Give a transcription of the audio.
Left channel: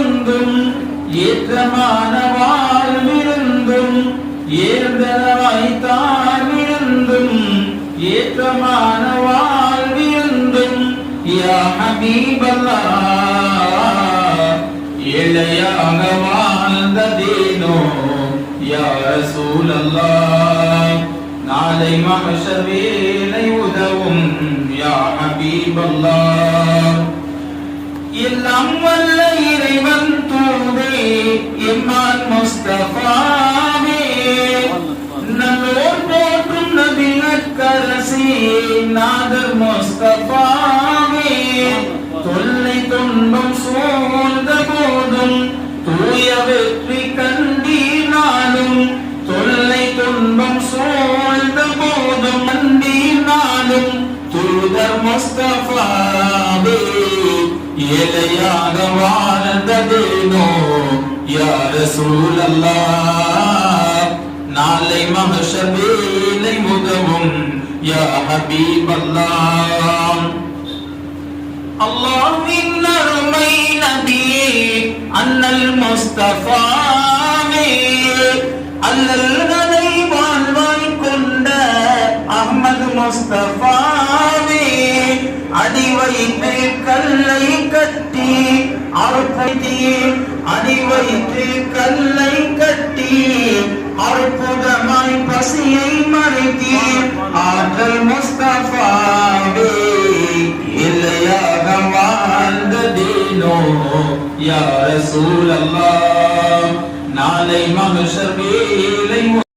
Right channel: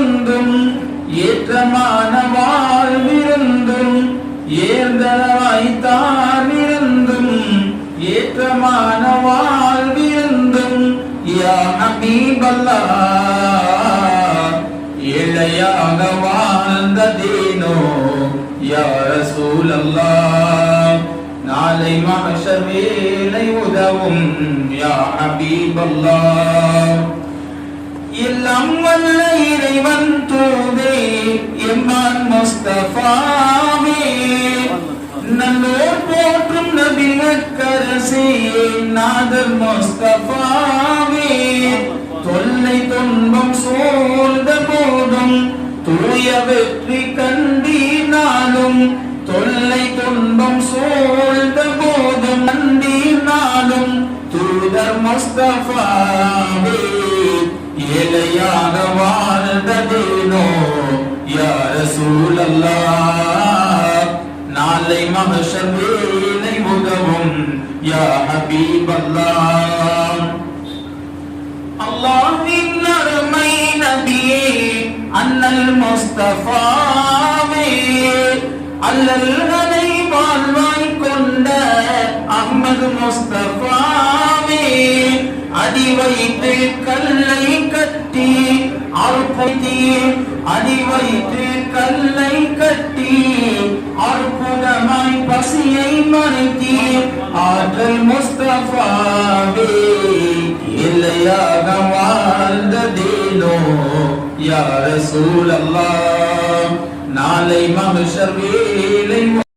விருந்தும் ஏற்றமான வாழ்விருந்தும் ஏர்ந்தவாய்த்தான் இருந்தும் ஏற்றமான வாழ்விருந்தும் யா ஹபீபல்லாஹ் ஏழையாக வாழ்ந்ததேனோ யா ரசூலல்லாஹ் நாளை மஹ்ஷர் வேளை உதவும் யா ஹபீபல்லாஹ் எல்லாம் வல்ல இறைவன் தூதே எம்மான் முஸ்தஃபாவே நல்லோர் போற்றும் நபி மக்கரசே நாதர் முஸ்தஃபாவே தொல்லை துன்பம் சூழ்ந்த போதும் தூய வெற்றி கண்டீனாலும் தொல்லை துன்பம் சூழ்ந்த போதும் கண்டீனாலும் தூதர் முஸ்தஃபாவே ஏழையாக வாழ்ந்ததேனோ யா ரசூலல்லாஹ் நாளை மஹ்ஷர் வேளை உதவும் யா ஹபீபல்லாஹ் அல்லாஹ்வின் அருமை நபியே அன்னல் முஸ்தஃபாவே அல்லல்களை வாழ்வாய் கொண்ட அஹ்மது முஸ்தஃபாவே அடி வைத்து கல்லை கட்டி அற்புதி அடி வைத்து கல்லை கட்டி அற்புதமாய் பசியை மறைத்தி ஆற்றல் முஸ்தஃபாவே இல்லையாக வாழ்ந்ததேனோ யா ரசூலல்லாஹ் நாளை மஹ்ஷர் வேளை